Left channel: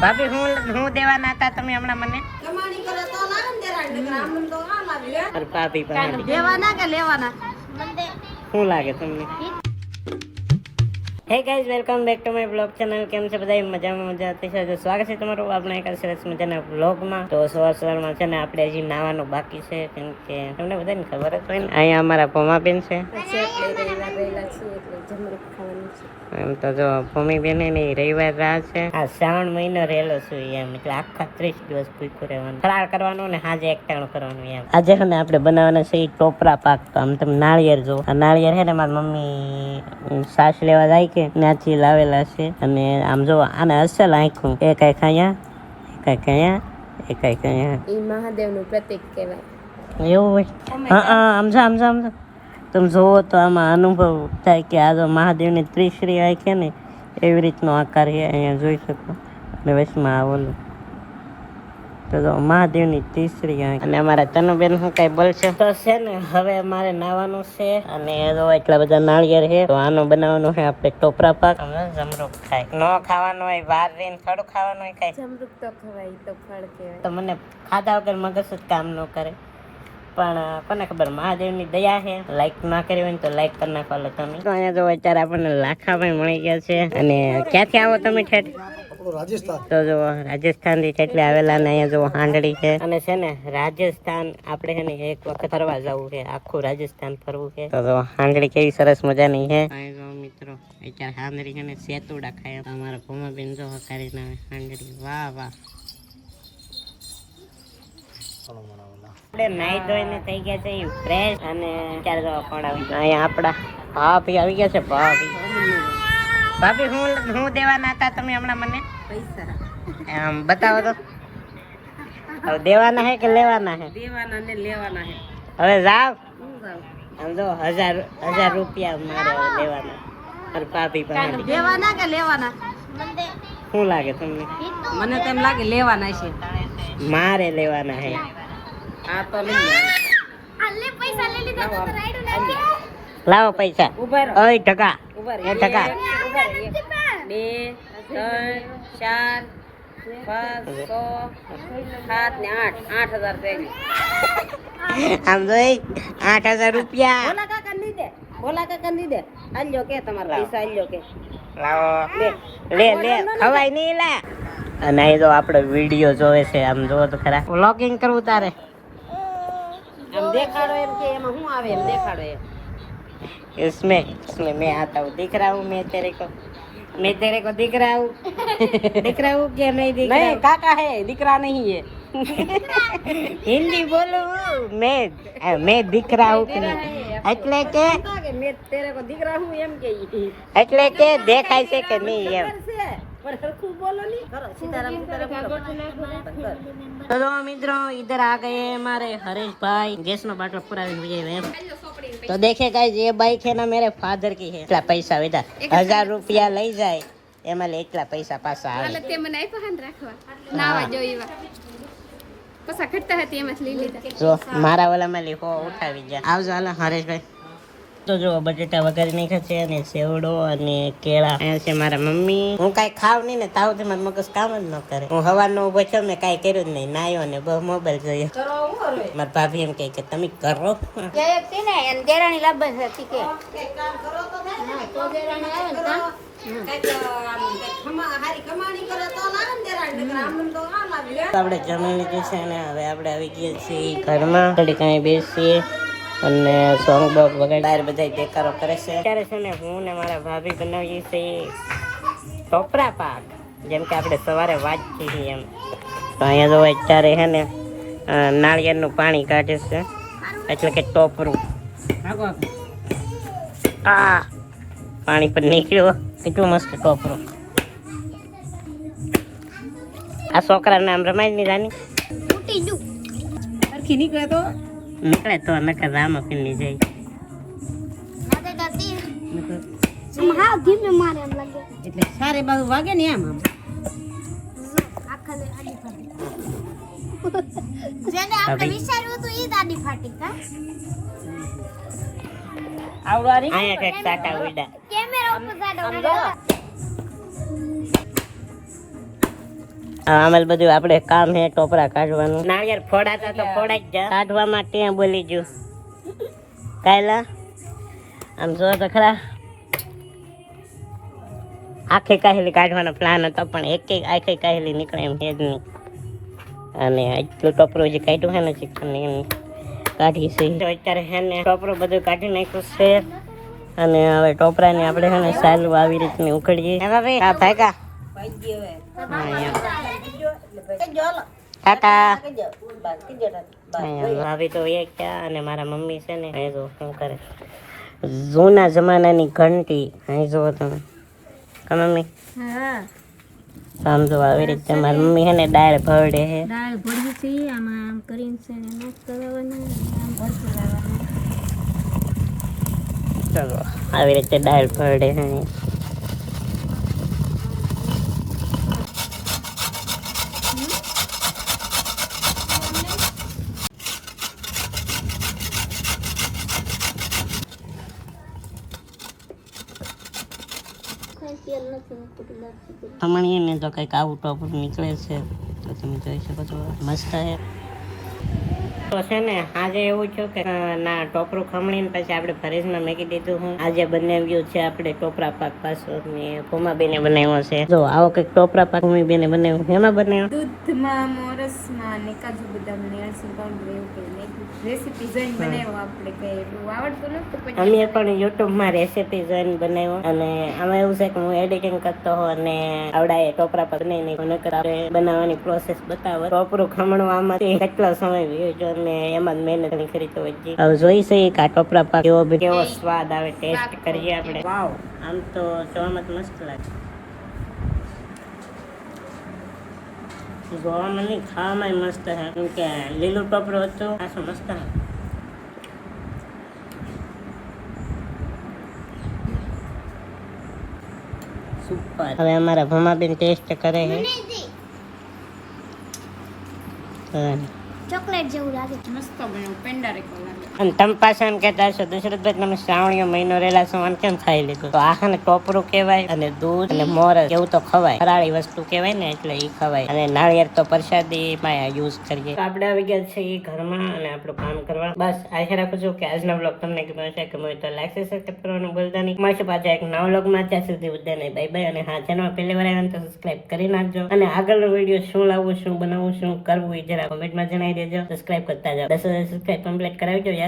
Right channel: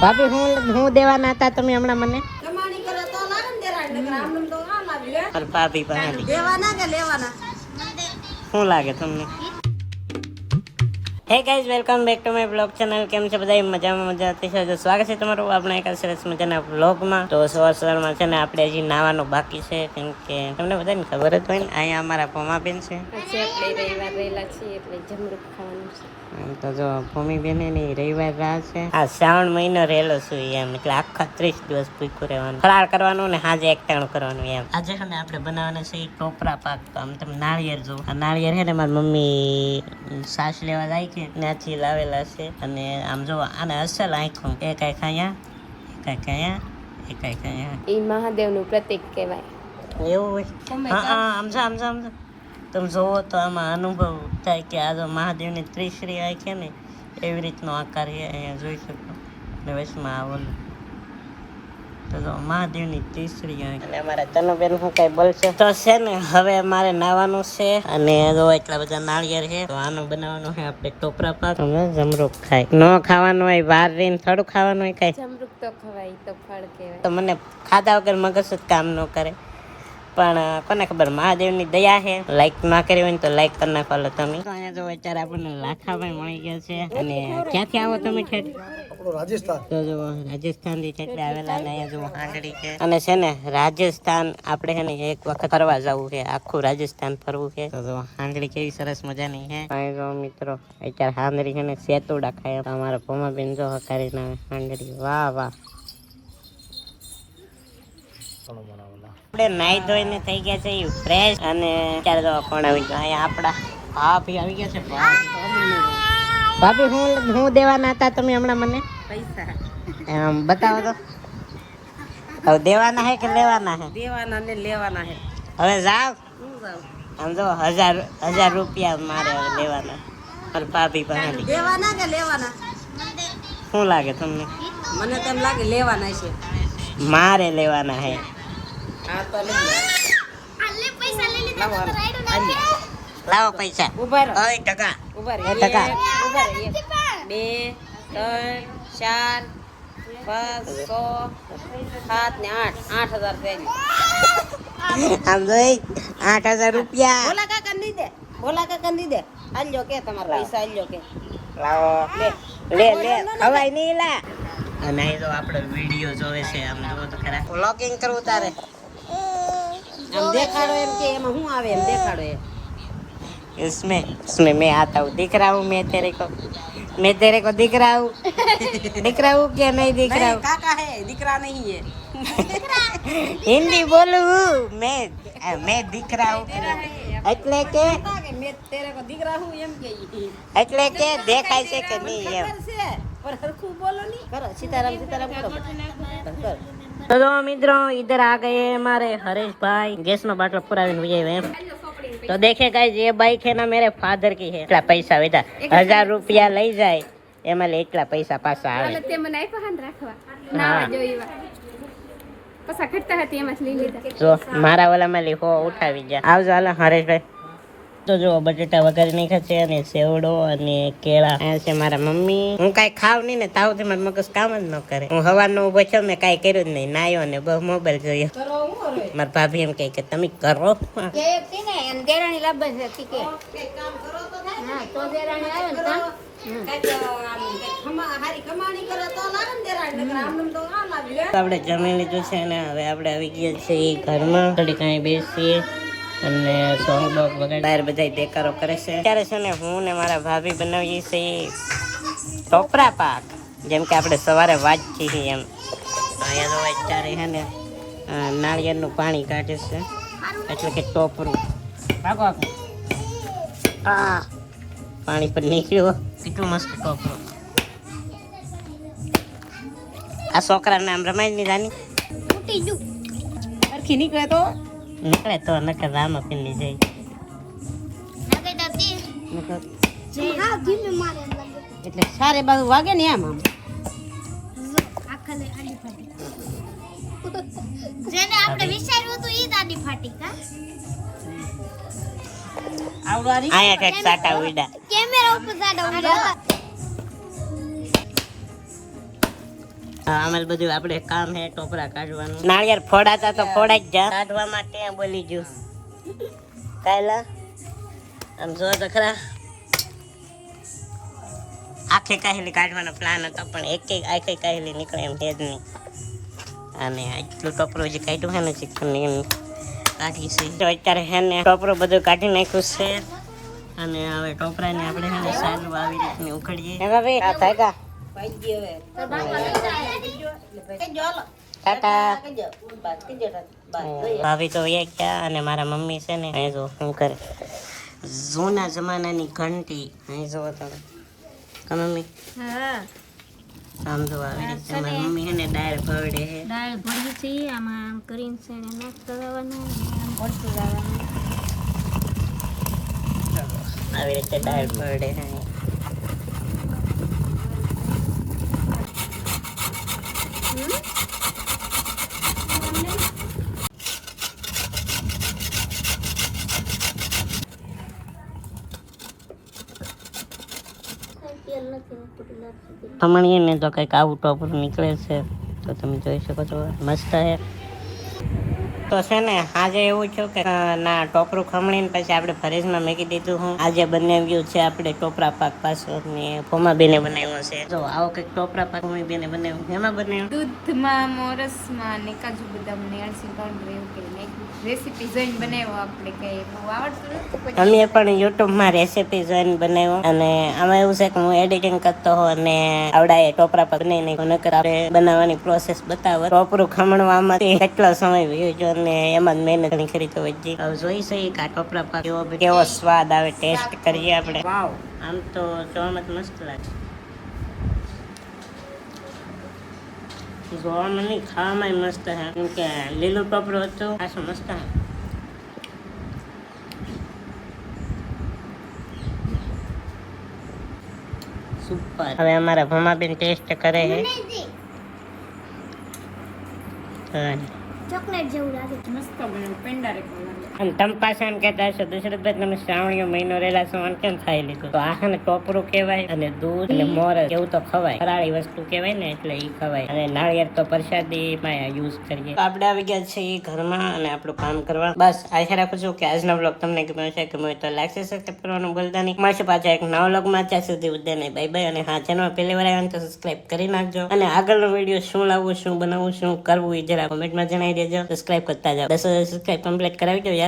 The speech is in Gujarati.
ભાભી હું દેવાના હતા તમે હમણાં મને કમાણી કરે તો લાગે ને દેરાડ નકર આમનું તો આ લાગે લે અરે ભાભી દેવાના કે લેવાના શું લાગે તમને? Hey guys, welcome back to my blog channel. કેમ છે બધા? મજામાં હતી છે. સ્વાગત છે તમારું આપણા એક સરસ મજાના બ્લોગમાં. તો સવારમાં છે ને આપણે હજી નાવાનું બાકી છે, કેમ કે તમને બધાને ખબર જ હોય ને, અહીંયા અમારા ભોમાબેન છે. રવિવાર રહેલા છીએ એટલે જમરૂખ ખાવાનું છે. એમ તો જો ભૂમિબેન ની રવિવાર રાહ છે. આ શ્રાવણ મહિનો રહેલો છું એમ, એટલે આખા 30 દિવસ ભૂખ્યું રહેવાનું, ફરાળ કરવાનું ને હાજે એકટાણું કરવાનું એમ. આજે છે ને આપણે બનાવવાના છે ટોપરા પાક. તો આમ તમે નાળિયેર જો, આ નાળિયેર છે ને મારી મમ્મી સાસ લેવા જાય કે ત્યાંથી લાવેલા છે. અને આમ જો આને અસલ આંખું, એ કઈ ખાયા, એ કઈ ખાયા, એ કઈ ખાયા. એ મહાદેવનું પ્રતીક કહેવાય. એવું હોય? હા, સમજા તમે જોવો તો આમાં અનુભવ થાય કે આ જો મહાદેવની ત્રિશ્રી આંખ ને એવી રીતનો આકાર છે, અહીંયા જોઈ શકો. અને વચમાં આવેલું તો જો મહાદેવની ત્રિશ્રી આંખ. અને અમારા તનુબેન શું કઈ બોલશે તો છે ને, હવે અમારે નાવાનું છે. અને જો એટલા બધા નાળિયેર છે, તો આનું બનાવવાનું છે આપણે ટોપરા પાક. જમરૂખ ખાય ન ખાવાનું હોય, વાર રહીને થોડું ખાવાનું હોય કઈ. જમરૂખ તો ખવાય, તો ફળ કહેવાય. તો મને ખાધા વગર મગજ જ કામ ન કરે. પણ કોને ખબર, મહાદેવની દયા છે. લાઈક ના કરી હોય ને તો લાઈક કરી નાખો તમે. તો અહીંયા જો અત્યારે આપણને લાખાભાઈ મળી ગયા છે. અને ક્યાંથી આવો તમે ઠેઠ? રાજસ્થાન. તો જો રાજસ્થાન થી એટલે આવેલા ને અહીંયા જો હાંડળી છે. અને છે ને રાજસ્થાન આપણે છે ને એક વખત ફરવા જવું છે, આખું રાજસ્થાન ફરવું છે. તો હાંડળી કેવી સરસ મજાની છે. અહીં જો મિત્રો અત્યારે હાંડળી છે ને સેતુડા ખાય. અમારા ભોમાબેન જો હકારી ના હાંડળી, વાહ વાહ. આપણે નાઈ ધોઈને થઈ ગયા છે ફ્રેશ. અને ત્યારે તો પણ આવી ગયા અહીંયા આપડા ભાભી આવી ગયા છે. ભાભી હું દેવાના હતા તમે હમણાં મને પૈસા એમ બતાવો તો. હવે દેવાના હે કે લેવાના હે? દેવાના ને લેવાના છે. હવે જાવ. હું જાઉં આમ જો 1000 રૂપિયા મારે હવે લેવાના. અરે ભાભી પાસે દેવાના કે લેવાના? શું લાગે તમને? મને તેમ લાગે લેવાના છે. મારે લેવાના હે. આ તો લઈ આલે પૈસા લઈ લીધા તો રાઈડો નાખે. લાવો પૈસા. ઉભા રહો. ઓય ટકા. ઉભા રહો. 1 2 3 4 5 6 7 ને 8 8000 થઈ ગયા. આમ જોઈ 8000 રૂપિયા. ભોલા કાકા ની દે, ભોલા કાકા ની દે. આલ્યો કે તમારા પૈસા આલ્યો કે લે ખવાય નહીં લા. અને અહીં જો આપણે વિડીયો જોવે છે, આમ જોવો તો ખરા. વ્લોગિંગ કરવું તારે? એમ દેખાડો, એમ કે એમાં શું આવે એમ દેખાડો એમ. इसमें मैं आता हूँ, दिख रहा हूँ मैं तेरे को दिख रहा हूँ क्या नहीं दिख रहा? नहीं काका है, દીકરા નહીં है. हिंदी बोलूं मैं दिख रहा हूँ એટલે કે मैं तेरे को दिख रहा हूँ एम के એટલે કે દેખાય છે કે નહીં એમ. पर खूब बोलो नहीं करो सीताराम तो મિત્રો इधर आ गए हमारे हरेश भाई. गैस નો બાટલો પુરાવીને વહી એમ. तो देखे गाइस, ये बाइक है ना मेरे फादर की है. એટલા પૈસા વેધા 1000 રૂપિયા લઈ જાય એમાં લે એટલા પૈસા પાછા આવે. તે મને આપ્યા હાન રાખવા નાવા જોઈવા પસા ખટતા હતી એમાં લઈ લીધા. જો મારા વાલામાં લીખો ઉઠાવી ગયા. આવજો હાલો હરેશભાઈ. તો જો બટેટા વઘારી નાખ્યા છે, અને સેવડો અને કેળા. અહીંયા છે મારા મમ્મી. હું કાંઈ ખાવ નહીં ને તાવ મારા મગજ કામ જ ન કરે. હું સવારનો ઉભો છું, મેં કાંઈ કર્યું જ નહીં. નાયો ને બહુ મોબાઈલ જોયો. મારા ભાભી એમ કહે કે તમે કરો. દેરાણી લાભ હતી કે આપણે જમી લીધું છે ને હવે આપણે આવી ગયા છીએ ઘરમાં. થોડી કઈ બેસીએ અને સોંગ બોગ વગર બહાર બધા દેકારો કરે છે. અત્યારે છે ને હું ને મારા ભાભી બનાવીએ છીએ ટોપરા પાક, જેમ કે આપણે સવારે વાંચીએ છીએ એમ. તો અહીંયા તો અત્યારે છે ને નાળિયેરનું પાણી કાઢે છે, એટલે કે ટોપરું. આ પાણી પર નીકળ્યો. કેટલું મસ્ત ટોપરું. આ છોકરા નામ રમાય ની રાની ઉટી જુ અરખી નીકળે તો નકર રામા પીલી જાય. નાકે દાતી હા ધીમે મારે એમ લાગે એટલે સારે બાજુ વાગે ને આમ આમ આખલે આડી ફાટી જેને આપણે વિચાર્યું હતું ઈ દાડી ફાટી કા આવડારી અહીંયા કઈક સાટા ઉડા. કેમેરા ઉપર સાડા ઉડા આમાં બધું આપણે કામ હે ટોપરા કાઢવાનું. નાળિયેર ફોડાતા તો ફોડા જ જા, કાઢવા માટે બોલી ગયું કાયલા. આમ જો તો ખરા આખે કાહેલી કાઢવાનો પ્લાન હતો પણ એક આખે કાહેલી નીકળે એમ કે જ નહીં. અને એટલું ટોપરું જે કાઢ્યું છે ને ચિકન એમ કાઢી છે. તો અત્યારે છે ને ટોપરું બધું કાઢી નાખ્યું છે અને હવે ટોપરાને આપણે છે ને સાલું આવી રીતની ઉખડીએ. ભાભી તો એ ક્યાં અને મારા મમ્મી છે ને અહીં જો શું કરે, જૂના જમાનાની ઘંટી અહીં જુઓ તમે મમ્મી. સમજો આવી રીતે મારી મમ્મી છે ને દાળ ભરડે છે. દાળ ભરવી છે આમાં આમ કરીને છે ને નાખ કરવાનું આમ ભરતું જવાનું. ચલો આવી રીતે દાળ ભરડે છે. ખમણીએ ને તો કંઈક આવું ટોપરું નીકળે છે તો તમે જોઈ શકો છો. મસ્ત છે. તો છે ને આજે એવું થયું કે ના ટોપરું ખમણીને પછી આપણે ફ્રીજમાં મૂકી દીધું. હું આજે બનાવ્યું છે આપણે ટોપરા પાક પાછો ભૂમાબેને બનાવ્યો છે. જો આવો કંઈક ટોપરા પાક ભૂમિબેને બનાવ્યો. એમાં બનાવ્યો દૂધમાં મોરસમાં ને કાજુ બદામ ને અળસી પાવડર એવું કરીને રેસીપી જોઈને બનાવ્યો. આપણે કઈ બહુ આવડતું નથી. અમે પણ યુટ્યુબમાં રેસીપી જોઈને બનાવ્યો અને આમાં એવું છે કે હું એડિટિંગ કરતો હોઉં અને આવડાએ ટોપરા પાક નહીં નહીં નકર આપણે બનાવવાની પ્રોસેસ બતાવો. ટોપરું ખમણવામાં કેટલો સમય વયો ગયો અને એમાં જ મહેનત ઘણી ખરી તો વધી. હવે જોઈશું કે આ ટોપરા પાક કેવો સ્વાદ આવે ટેસ્ટ કરીએ આપણે. વાવ, આમ તો જોવામાં જ મસ્ત લાગે. જોવામાં નહીં ખાવામાં મસ્ત છે કેમ કે લીલું ટોપરું હતું. આ શું મસ્ત છે. સુપર. હવે અમારા ભમાબેન ટેસ્ટ કરે છે. ચોકલેટ જેવું લાગે. મસ્ત બન્યું. પેંડા રેકો લાગે. અને તમે પાછા એમ કહેતા હશો દશરથભાઈ તમે શ્રાવણીઓ મહિનો રહેલા છો અને કેમ ખાઈ લીધું? તો આ ને ટોપરું કહેવાય અને દૂધ અને મોરસ એવું તો ખવાય. ફરાળી વસ્તુ કહેવાય ને એટલે એ ખવાય. અને નાળિયેર તો પ્રસાદીમાં યુઝ કરીએ. તો આપણે આવી ગયા છે ઘરમાં અને આપણું કામ કરવા. બસ આશા રાખું છું કે આજનો બ્લોગ તમને ગમ્યો છે. ગમ્યો તો લાઈક સબસ્ક્રાઈબ કરવાનું ભૂલતા નહીં. મળશે પાછા એક નવા બ્લોગમાં. ત્યાં સુધી બધાને બાય બાય. અને હા ચેનલ પહેલી વાર આવ્યા તો સબસ્ક્રાઈબ કરી નાખજો. અને આગળનો વિડીયો શું લાવવું, શું બનાવવું, શું કરવું એ જરા કોમેન્ટમાં જણાવી દેજો. સબસ્ક્રાઈબ કરતા જાઓ. 10,000 સબસ્ક્રાઈબ કમ્પ્લીટ કરાવી દો યાર.